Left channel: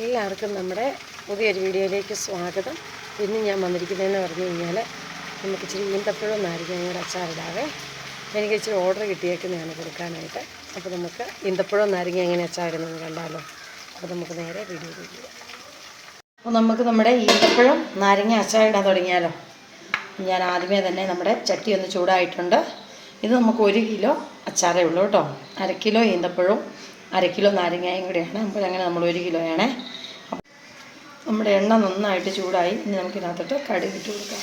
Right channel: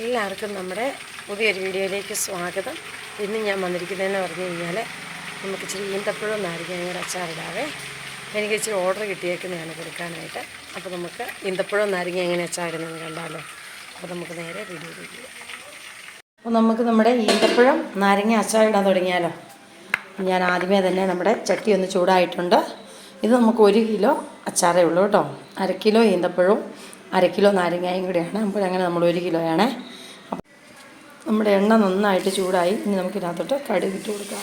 എല്ലാവർക്കും നമ്മുടെ പുതിയൊരു വീഡിയോയിലേക്ക് സ്വാഗതം. ഇന്ന് ഞാൻ വന്നിരിക്കുന്നതെന്ന് പറഞ്ഞു കഴിഞ്ഞാൽ നമുക്ക് ഇച്ചിരി ഈന്തപ്പഴം നാരങ്ങയുടെ അച്ചാറിടാവേ. എനിക്ക് ഇച്ചിരി ഓർഡർ കിട്ടിയേക്കുന്നതാണ് കൊടുക്കാനായിട്ട്. അപ്പോൾ നമുക്ക് ഈന്തപ്പഴം നാരങ്ങ എങ്ങനെ അച്ചാറിടുന്നതെന്ന് കണ്ടാലോ. അപ്പോൾ നമുക്ക് നേരെ വീഡിയോയിലേക്ക് പോകാം. അപ്പോൾ നമുക്ക് നമ്മുടെ ഈന്തപ്പഴം നാരങ്ങ അച്ചാറിടാൻ തുടങ്ങിയാലോ. ഞാൻ ആദ്യമേ തന്നെ നമ്മുടെ ചട്ടി ഒന്ന് ചൂടായിട്ടുണ്ട്. ഇത് നമുക്ക് 1 കിലോ അച്ചാറേ ഉള്ളൂ കേട്ടോ. 1/2 കിലോ ഈന്തപ്പഴവും 1/2 കിലോ നാരങ്ങയും കൂടെയാണ്. അപ്പോൾ അങ്ങനെ നമ്മൾ 1 കിലോയാണേ. നമ്മുടെ എണ്ണ നന്നായിട്ട് ചൂടായി. ഇനി നമുക്കിതിനകത്തോട്ട് കടുക് ഇട്ട് കൊടുക്കാം.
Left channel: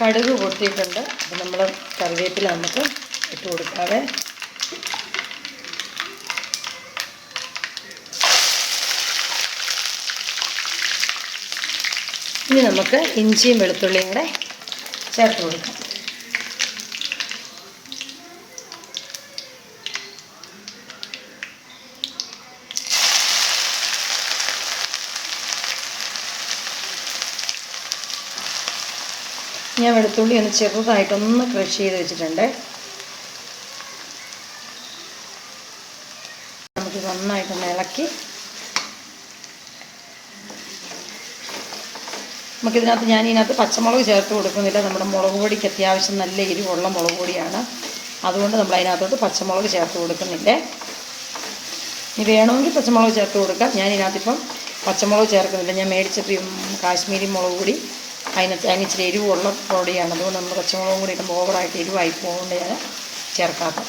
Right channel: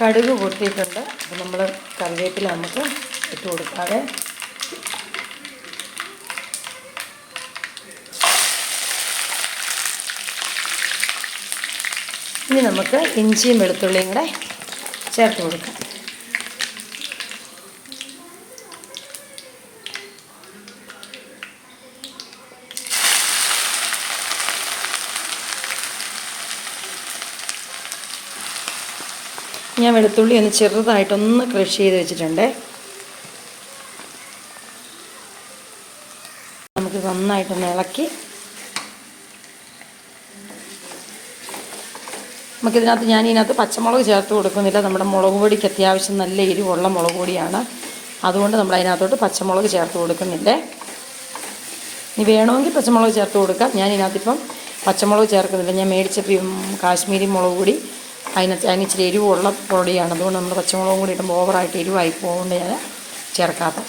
കടുക് പൊട്ടിയിട്ടുണ്ട്. അപ്പോൾ നമ്മൾ കറിവേപ്പില നമുക്ക് ഇട്ട് കൊടുക്കാതെ ഇനി നമുക്ക് ഇഞ്ചിയും വെളുത്തുള്ളിയും കൂടെ ചേർത്ത് കൊടുക്കാം. ഞാൻ വെളുത്തുള്ളി ഒന്ന് ചെറുതായിട്ടൊന്ന് ക്രഷ് ചെയ്ത് വെച്ചിട്ടുണ്ട്. നമുക്ക് നന്നായിട്ടൊന്ന് ഇളക്കി നമുക്കിതിനകത്ത് ഞാനിതിനകത്ത് പച്ചമുളക് ചേർത്ത് കൊടുക്കുന്നില്ല. നമ്മുടെ മുളക് പൊടിക്ക് അത്യാവശ്യം നല്ല എരിവുള്ള മുളക് പൊടിയാണ്. അതുകൊണ്ട് നമ്മൾ അതിനകത്തോട്ട് പച്ചമുളക് ചേർത്ത് കൊടുക്കുന്നില്ലേ. ഇനി വേണമെങ്കിൽ പച്ചമുളക് ചേർത്ത് കൊടുക്കാം. ഞാനിതിനകത്തിപ്പം പച്ചമുളക് ചേർക്കുന്നില്ല. ഞാൻ മേടിച്ചപ്പോൾ കാശ്മീരി മുളക് പൊടി അതിന് ഇച്ചിരി എരിവുള്ള പൊടിയാണ്. അതുകൊണ്ട് നമ്മൾ പച്ചമുളകും കൂടി ഇടുമ്പോൾ ഓവറായിട്ട് എരിവായി പോകുന്നത് ഞാൻ ചേർക്കാത്ത.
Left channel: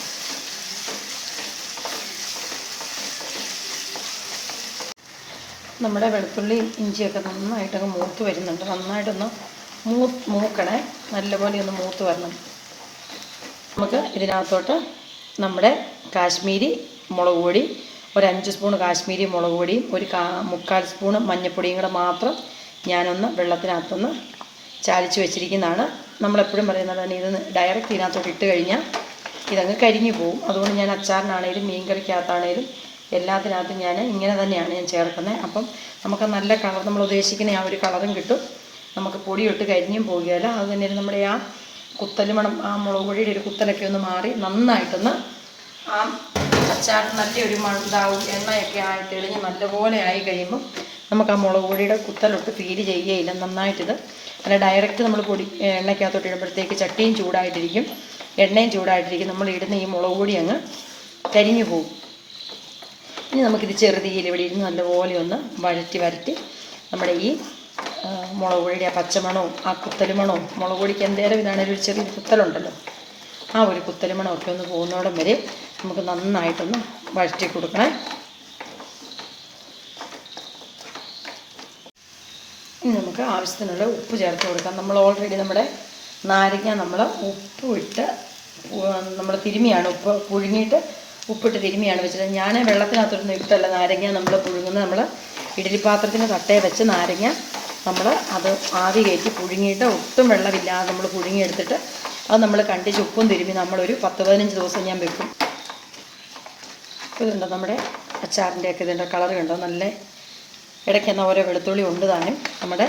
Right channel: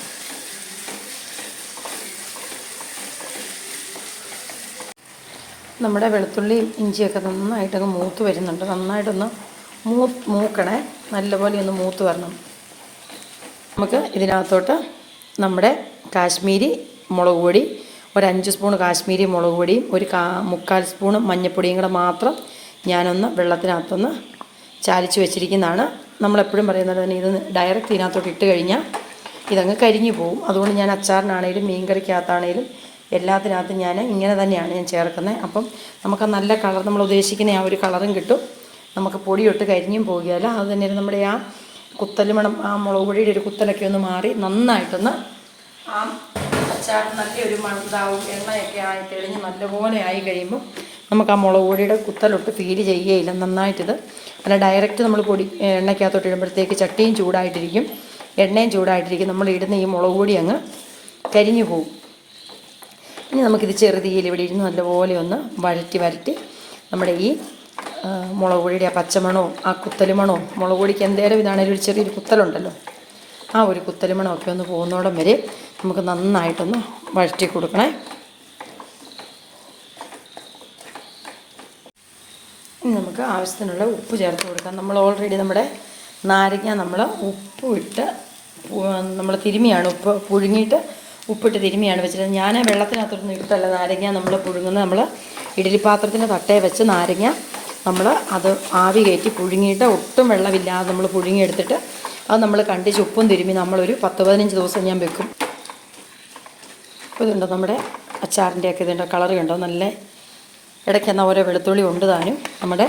നമ്മുടെ വെളുത്തുള്ളിയും ഇഞ്ചിയൊക്കെ നന്നായിട്ടൊന്ന് മൂത്ത് വരുന്നുണ്ട്. നന്നായിട്ടൊന്ന് മൂക്കണേ. നല്ലപോലെ ഒന്ന് മൂത്ത് വരണം. നമുക്ക് ഇതിനകത്തോട്ട് നമ്മുടെ കാശ്മീരി മുളക് പൊടി 5 സ്പൂൺ കാശ്മീരി മുളക് പൊടിയും 1/4 സ്പൂൺ മഞ്ഞൾപ്പൊടിയും കൂടെ മാത്രം ഞാനൊന്ന് വെള്ളത്തിനകത്തൊന്ന് ചാലിച്ച് വെച്ചിരിക്കുന്നതാണ്. നമ്മളെപ്പോഴും പറയുന്നത് തന്നെ ഇത് ഡയറക്റ്റ് ഇതിനകത്തോട്ട് ഇട്ട് കഴിഞ്ഞാൽ ഇതങ്ങ് കരിഞ്ഞു പോകും. അതുകൊണ്ട് ഞാൻ അച്ചാറിനാണേലും മീൻ കറിക്കകത്താണേലും എല്ലാത്തിനകത്തും ഞാൻ ഇങ്ങനെ തന്നെയാണ് ഞാൻ ചേർക്കുന്നത്. അപ്പം നമുക്ക് നല്ല കളർ, നമ്മൾ ഉദ്ദേശിക്കുന്ന ആ ഒരു കളറും കിട്ടും. നമുക്ക് പൊടിയൊട്ട് കരിഞ്ഞും പോകുകയില്ല. അത് തന്നെ നമ്മുടെ ആ കുത്തലുമണം, ആ മുളക് പൊടിയുടെ ഒരു കുത്തലൊക്കെ ഒന്ന് മാറി നന്നായിട്ടൊന്ന് ആ അച്ചാർ നല്ലൊരു മണത്താവും. എണ്ണയൊക്കെ ആയി തെളിഞ്ഞ് നല്ലപോലെ ആയി കഴിയുമ്പോൾ നമുക്ക് ആ മുളക് പൊടിയുടെ കുത്തലൊട്ട് ഫീല് ചെയ്യുകയില്ല. നന്നായിട്ടിത് അല്ല ഡയറക്റ്റ് നമ്മൾ പൊടി എണ്ണയ്ക്കകത്തോട്ട് ഇടുമ്പോഴത്തേക്ക് ചട്ടിയും ചൂടായിട്ടിരിക്കും, എണ്ണയും ചൂടായിട്ടിരിക്കും. നമ്മൾ ഇടുന്ന ഈ മുളക് പൊടി അങ്ങ് കരിഞ്ഞു പോകും. ഇനി നമുക്കിത് ചെറുതീയിൽ ഇവിടെ ഇരുന്ന് നല്ലപോലെ ഒന്ന് വരട്ടി നമ്മുടെ ഈ മുളക് പൊടിയുടെ ആ പച്ചമണവും ആ കുത്തലുമണവും, മുളക് പൊടിക്ക് എന്തേലും ഇതാണേലും ഒരു ചെറിയൊരു കുത്തലുണ്ടല്ലോ, ആ ഒരു കുത്തലുമണമൊക്കെ ഒന്ന് പോകുന്നോടം വരെ നമുക്ക് നന്നായിട്ടൊന്ന് വഴറ്റി കൊടുക്കണേ. ഇനി നമുക്ക് ആവശ്യത്തിനുള്ള ഉപ്പ് ചേർത്ത് കൊടുക്കാം. നമ്മൾ ഓൾറെഡി നമ്മുടെ നാരങ്ങ നമ്മൾ ഉപ്പ് ഇട്ട് നമ്മൾ തിരുമിയാണ്, ഉപ്പ് പുഴുങ്ങിയിട്ട് ഉപ്പിട്ട് തിരുമിയാണ് വെച്ചിട്ട്. ഞാൻ വെള്ളത്തിനകത്തൊന്നും ഇട്ടല്ല നാരങ്ങ നമ്മൾ പുഴുങ്ങുന്നത്. നമ്മൾ ഇഡ്ഡലി പാത്രത്തിന് തട്ടേ വെച്ച് നാരങ്ങ നമ്മൾ അത് ആവി കയറ്റി പുഴുങ്ങിയിട്ട് ഒട്ടും വെള്ളമില്ലാതെ നമ്മൾ പുഴുങ്ങിയെടുത്തിട്ട് അത് നമ്മൾ കണ്ടിച്ച് ഉപ്പും തിരുമി നമ്മളൊരു 10-15 ദിവസം ഞാൻ വെക്കും. അപ്പോൾ ഇതുണ്ടോ നമ്മുടെ അച്ചാറിൻ്റെയൊക്കെ ഇതിൻ്റെ കളർ കണ്ടോ, നല്ല ഇടയ്ക്കെന്നാൽ ഓരോ വെളുത്തുള്ളി ഉണ്ട് താനും. നമ്മുടെ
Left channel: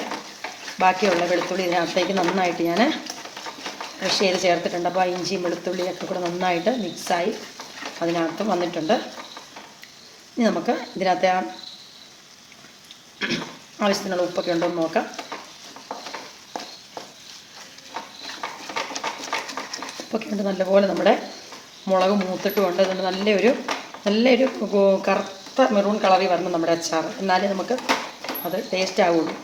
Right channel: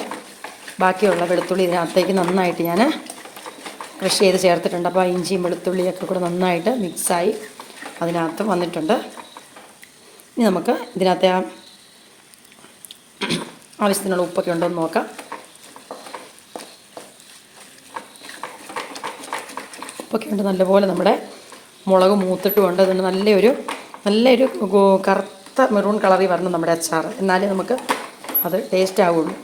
ബാക്കിയുള്ള വെളുത്തുള്ളി ഇതിനകത്തേക്ക് നന്നായിട്ട് ഞാൻ ക്രഷ് ചെയ്ത് ചേർത്തിട്ടുണ്ട്. അപ്പോൾ ഇഞ്ചിയും വെളുത്തുള്ളിയൊക്കെ കൂടെ നന്നായിട്ട് മിക്സായി അതിനകത്ത് വന്നിട്ടുണ്ട്. ഇനി നമുക്ക് ഇതിനകത്തെ ആവശ്യത്തിനുള്ള ഉപ്പൊക്കെ ഉണ്ടെന്ന് നോക്കാം. ഉപ്പൊക്കെ ഉണ്ട് നല്ലപോലെ. നമ്മുടെ മുളക് മൂത്തിട്ടുമുണ്ട്. അതിന് നല്ലൊരു കറുത്ത മെറൂൺ കളറിൽ വരണം നമ്മുടെ അച്ചാർ. എന്നാലേ നമുക്ക് അത് ടേസ്റ്റ് ആവുള്ളൂ.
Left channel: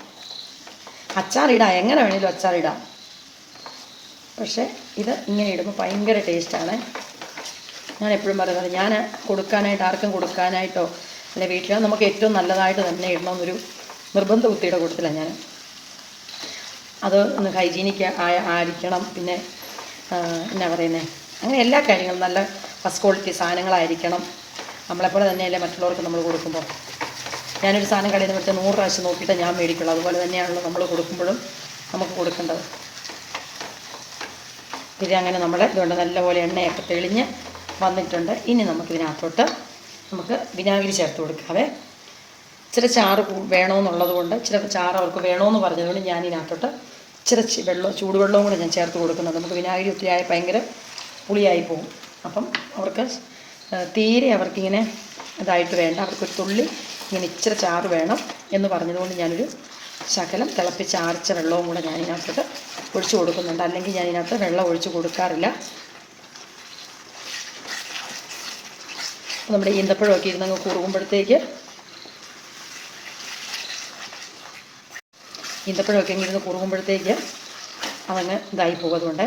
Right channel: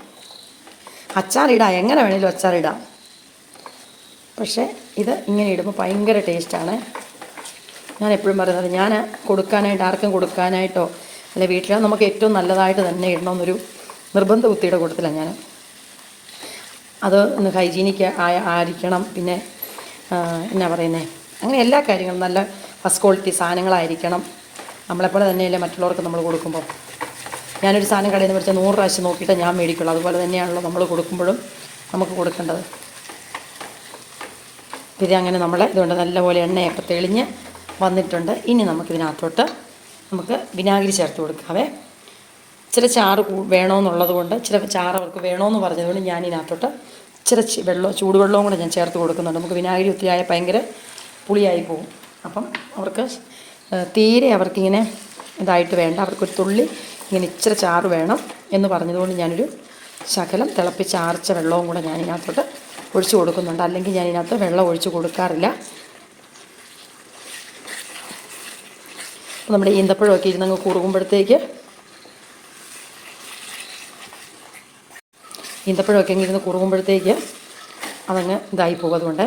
അച്ചാറിടാം, എങ്ങനെ വേണേലും അച്ചാറിടാം. പക്ഷേ ഇത് ഇങ്ങനെ ഇടുമ്പോൾ ഭയങ്കര ടേസ്റ്റാണ്. ഞാൻ എപ്പോഴും പറയുന്നത്, ഞാൻ കൊടുക്കാനായിട്ട് ആർക്കും കൊടുക്കാനായിട്ടോ അല്ലെ വീട്ടിലോ നമുക്ക് ഏറ്റവും നല്ലതായിട്ട് തന്നെ ഇടണമെന്നൊരു നിർബന്ധ ബുദ്ധിയുടെ കൂട്ടത്തിലാണ് ഞാൻ. അത് ഒന്ന് ഹൈജീനിക്ക് ആയിരിക്കണം. പിന്നെ എന്നാ പറയുന്നത്, അങ്ങനെ എല്ലാ കാര്യങ്ങളും നല്ല ഫസ്റ്റ് ക്വാളിറ്റി സാധനങ്ങളായിരിക്കണം. നമ്മളെപ്പോലെ തന്നെയല്ലേ മറ്റുള്ളവർക്ക് നമ്മൾ കൊടുക്കുമ്പോൾ. ഞാനൊരു സാധനം കടയിൽ നിന്ന് മേടിച്ചാൽ 100 പ്രാവശ്യം നോക്കിയിട്ട് ഞാൻ മേടിക്കുള്ളൂ. അതുപോലെ തന്നെയാണല്ലോ നമ്മൾ കൊടുക്കുമ്പോഴും നമുക്ക് കൊടുക്കേണ്ടത്. ഇത് അങ്ങനെ നമ്മൾ ഇതുകൊണ്ട് നല്ലപോലെ എണ്ണയൊക്കെ തെളിഞ്ഞ് വന്നിട്ടുണ്ട്. ഇനി നമുക്കിതിനകത്തോട്ട് നമുക്ക് വിനാഗിരി ചേർത്ത് കൊടുക്കാവേ. ഇച്ചിരി ചാറ് വേണമെന്നുള്ളത് കൊണ്ട്, ഇച്ചിരി ചാറ് അവർക്ക് വേണമെന്ന് പറഞ്ഞതുകൊണ്ട് ഞാനിതിനകത്തോട്ട് ഇച്ചിരി ചൂടുവെള്ളവും കൂടെ ഞാൻ ചേർത്ത് കൊടുക്കുന്നുണ്ട്. നമുക്ക് വിനാഗിരി ഒത്തിരിയായ ഭയങ്കര പുളിയായി പോകും. അപ്പം അവർക്ക് തീരെ അവർക്കിങ്ങനെ ഇതായിട്ട് വേണ്ട, അവർക്കൊരു തുള്ളി ഇങ്ങനെ ഇച്ചിരി ചാറ് വേണം എന്ന് പറഞ്ഞതുകൊണ്ട് ഞാനൊരു ശകലം തിളപ്പിച്ച് ആർച്ച വെള്ളവും കൂടെ ഞാനിതിനകത്തോട്ട് ഒഴിച്ച് കൊടുക്കുന്നുണ്ട്. അല്ലെങ്കിൽ ഞാനിതിനകത്ത് വെള്ളം ഒഴിച്ച് കൊടുക്കാറില്ല. നമ്മുടെ ഈന്തപ്പഴമൊക്കെ ഇരുന്നങ്ങ് കുറുകുമ്പോഴത്തേക്ക് ഇരുന്ന് കുറുകുമ്പോഴത്തേക്ക് അതങ്ങ് ഇതായി പോകും. അതുകൊണ്ട്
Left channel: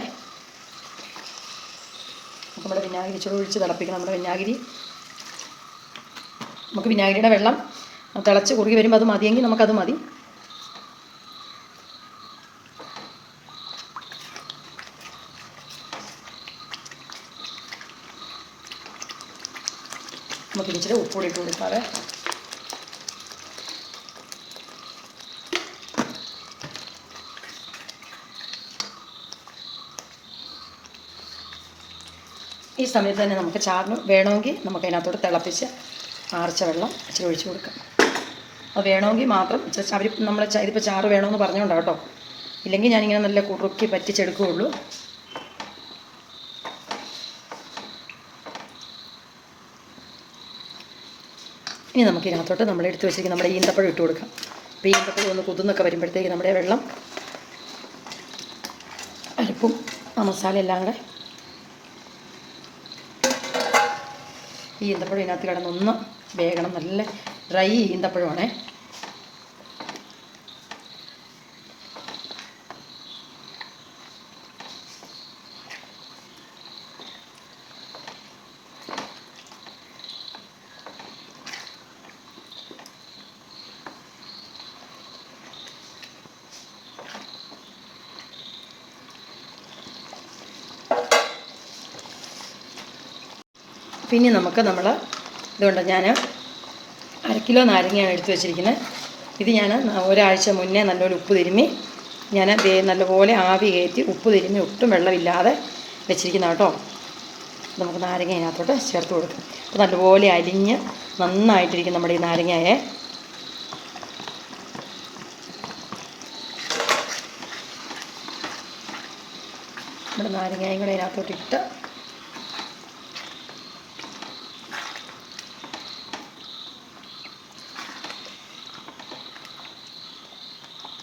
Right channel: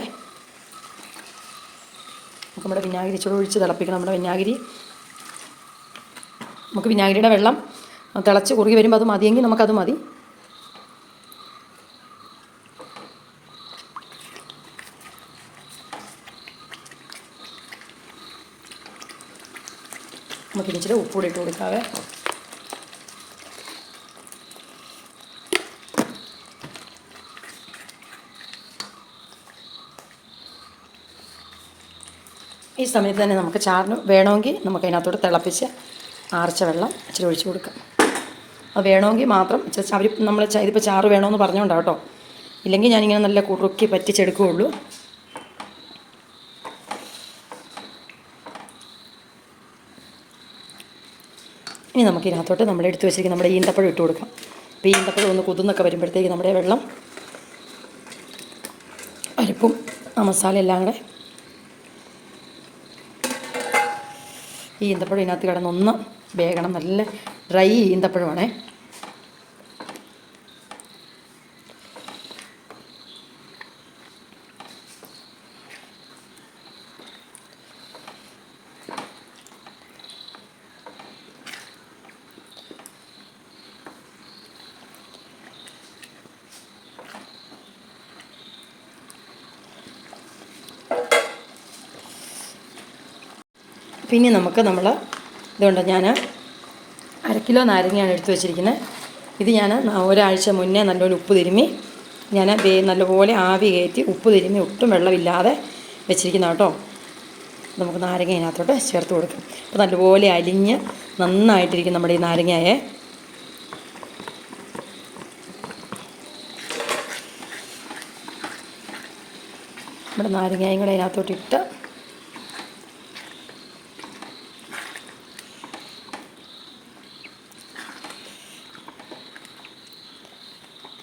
നമ്മുടെ വിനാഗിരി ഇച്ചിരി ഒഴിച്ച് തിളപ്പിക്കണം. നമ്മുടെ വിനാഗിരി നമുക്ക് വിനാഗിരിയുടെ വെള്ളം തിളച്ച് കുറുകി വരുമ്പോൾ അത് മതിയെങ്കിൽ നമുക്കത് മതി. നമുക്ക് ഇച്ചിരി ഉപ്പുകൂടി ഇട്ട് കൊടുക്കാവേ. ഈ സമയത്ത് തന്നെ നമുക്ക് ചാറിന് വേണമെങ്കിൽ നമുക്ക് അതിനകത്തോട്ട് തിളപ്പിച്ച് ആർച്ച വെള്ളം ഇച്ചിരി ഒഴിച്ച് കൊടുക്കാം. അത് വേണമെങ്കിൽ മാത്രം അവർ നമ്മൾ ഇതിപ്പോൾ ചാറ് വേണമെന്ന് പറഞ്ഞുകൊണ്ടാണ് കേട്ടോ. ഇല്ലെങ്കിൽ ഞാനിങ്ങനെ നല്ല കുറുക്കി പറ്റിച്ചെടുക്കുകയുള്ളൂ. ഇനി നമുക്ക് ഇതിനകത്തോട്ട് നമ്മൾ എടുത്ത് വെച്ചിരിക്കുന്ന നമ്മുടെ ഈന്തപ്പഴം ഇട്ട് കൊടുക്കാം. അപ്പോൾ ഈന്തപ്പഴം ഒന്ന് കുതിർന്നൊക്കെ വരുമ്പോഴത്തേക്ക് നമ്മുടെ വെള്ളം അരിപ്പും മസാല എല്ലാം കൂടെ ഈ ഈന്തപ്പഴം ഇതിനകത്ത് കിടന്നൊന്ന് വേകണം. നല്ല ഡ്രൈ ഈന്തപ്പഴമാണേ. പിന്നെ നമുക്ക് ഇതുകൊണ്ട് ഞാൻ 1/2 കിലോ നാരങ്ങയാണ് എടുത്ത് വെച്ചിരിക്കുന്നത്. ഇത് ഞാൻ ഒരാഴ്ച മുന്നേ നല്ലപോലെ ഉപ്പ് തിരുമ്മി ഞാൻ നല്ലപോലെ ആവി കയറ്റി ഉപ്പ് തിരുമ്മി ഒട്ടും വെള്ളമില്ലാതെ വെച്ചിരിക്കുന്ന കേട്ടോ. നമുക്ക് നാരങ്ങ ഇതിനകത്തോട്ട് ചേർത്ത് കൊടുക്കും. അപ്പോൾ നല്ലപോലെ അലിഞ്ഞ് നന്നായിട്ടിരിക്കും നമ്മുടെ ഈ നാരങ്ങയെ. നമ്മുടെ നാരങ്ങയും കൂടെ അതിനകത്തോട്ടിട്ട്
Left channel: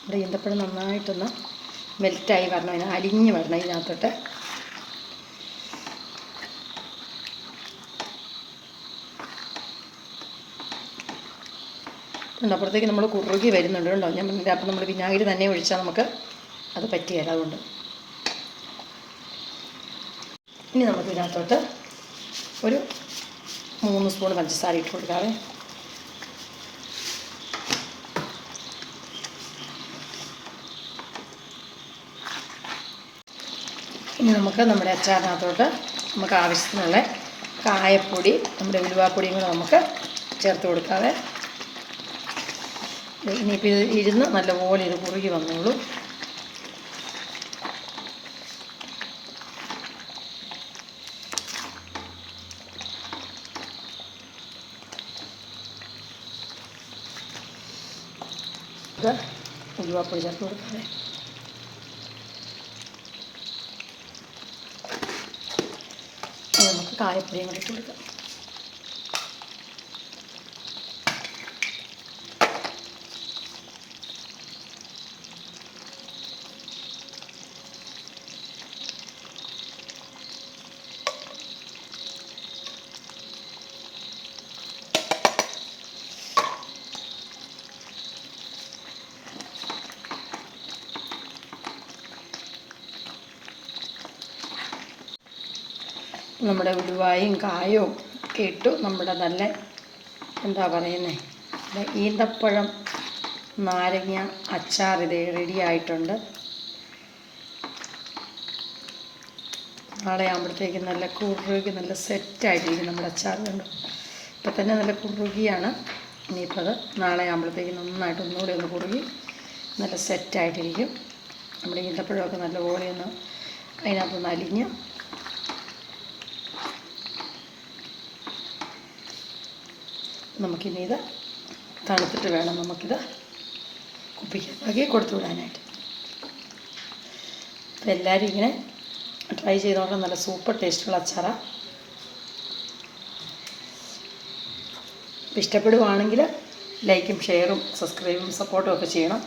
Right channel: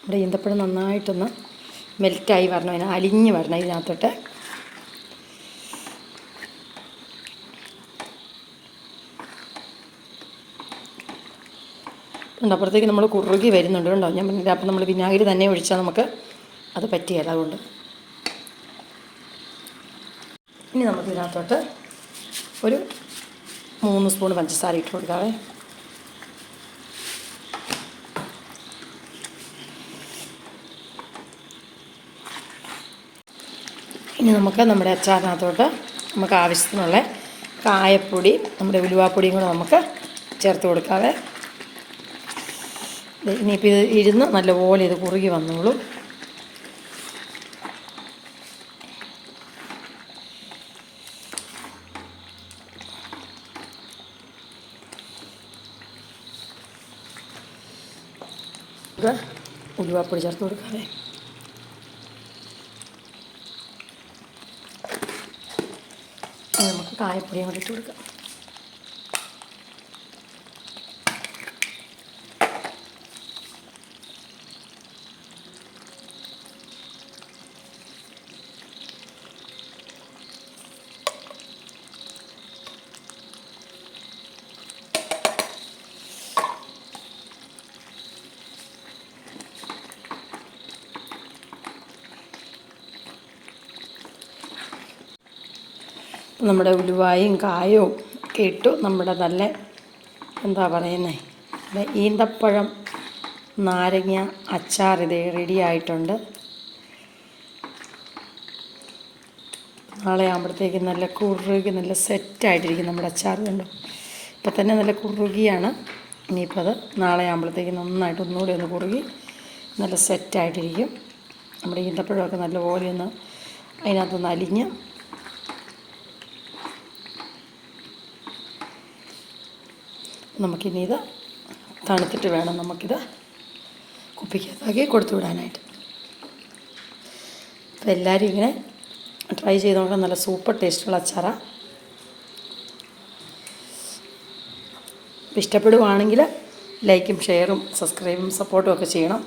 നമ്മുടെ ഈന്തപ്പഴം നന്നായിട്ടൊന്ന് മെൽറ്റായി വരണം, അതിന് അലിഞ്ഞ് വരണം ഇതിനകത്തോട്ട്. അപ്പുറത്തേക്ക് നമ്മൾ കുറുകി വരുന്നുണ്ട് കേട്ടോ. ഞാൻ പറഞ്ഞില്ല, അപ്പം നമ്മൾ വിനാഗിരി തന്നെ ഒഴിച്ചാൽ നമുക്ക് അത് പറ്റിയല്ല. അതുകൊണ്ട് ഇനി നമുക്ക് ഇതിനകത്തോട്ട് ഒരു 3 സ്പൂൺ പഞ്ചസാര ഇട്ട് കൊടുക്കാവേ. ഇനി നമുക്ക് നമ്മുടെ അച്ചാറിനകത്തോട്ട് നമുക്ക് ആവശ്യത്തിനുള്ള കായപ്പൊടി, നമ്മുടെ ഉലുവാപ്പൊടിയും കൂടെ നമുക്ക് ചേർത്ത് കൊടുക്കാവേ. ഇനിയിപ്പോൾ ഇത് ഇരുന്ന് നല്ലപോലെ ഇത് കുറുകി വന്നോളൂ. ഇത് ഉലുവാപ്പൊടി ചേർത്ത് കൊടുക്കാവേ. നമുക്ക് കായപ്പൊടിയും കൂടി ഇട്ട് കൊടുക്കാം. നമ്മുടെ ഉലുവായും കായവും ഒക്കെ ഇട്ടു നമ്മുടെ നല്ല എന്താ പറയുന്നത് ഈന്തപ്പഴം നാരങ്ങ അച്ചാർ ഇത് റെഡി ആയിട്ടുണ്ട്. നാളെ ആകുമ്പോഴത്തേക്കും നല്ല കുറുകി നല്ല സെറ്റായിട്ടിരിക്കും നമ്മുടെ അച്ചാർ. കണ്ടു, ഇപ്പം തന്നെ നല്ല കുറുകിയാണ്. ഇനിയിപ്പോൾ അത് നാളെ ആകുമ്പോഴത്തേക്കും നന്നായിട്ട് ഒന്നുകൂടി ഒന്ന് കുറുകി നല്ല സെറ്റായിട്ടിരിക്കും. നമ്മുടെ ഈന്തപ്പഴമൊക്കെ നല്ലപോലെ ഒന്ന് അതിനകത്തൊന്ന് അലിഞ്ഞ് നമുക്കിനി ഇത് തണുത്തിട്ട് വേണം നമുക്കിത് കുപ്പിക്കകത്താക്കി കൊടുത്തു വിടാനായിട്ട്. അപ്പോൾ എല്ലാവരും ഇങ്ങനെ ട്രൈ ചെയ്ത് നോക്കാം. നല്ല സൂപ്പർ ടേസ്റ്റുള്ള അച്ചാറാണ്. ഇഷ്ടപ്പെടുവാണെങ്കിൽ ലൈക്കും ഷെയറും സബ്സ്ക്രൈബും സപ്പോർട്ടും ഒക്കെ ചെയ്യണം.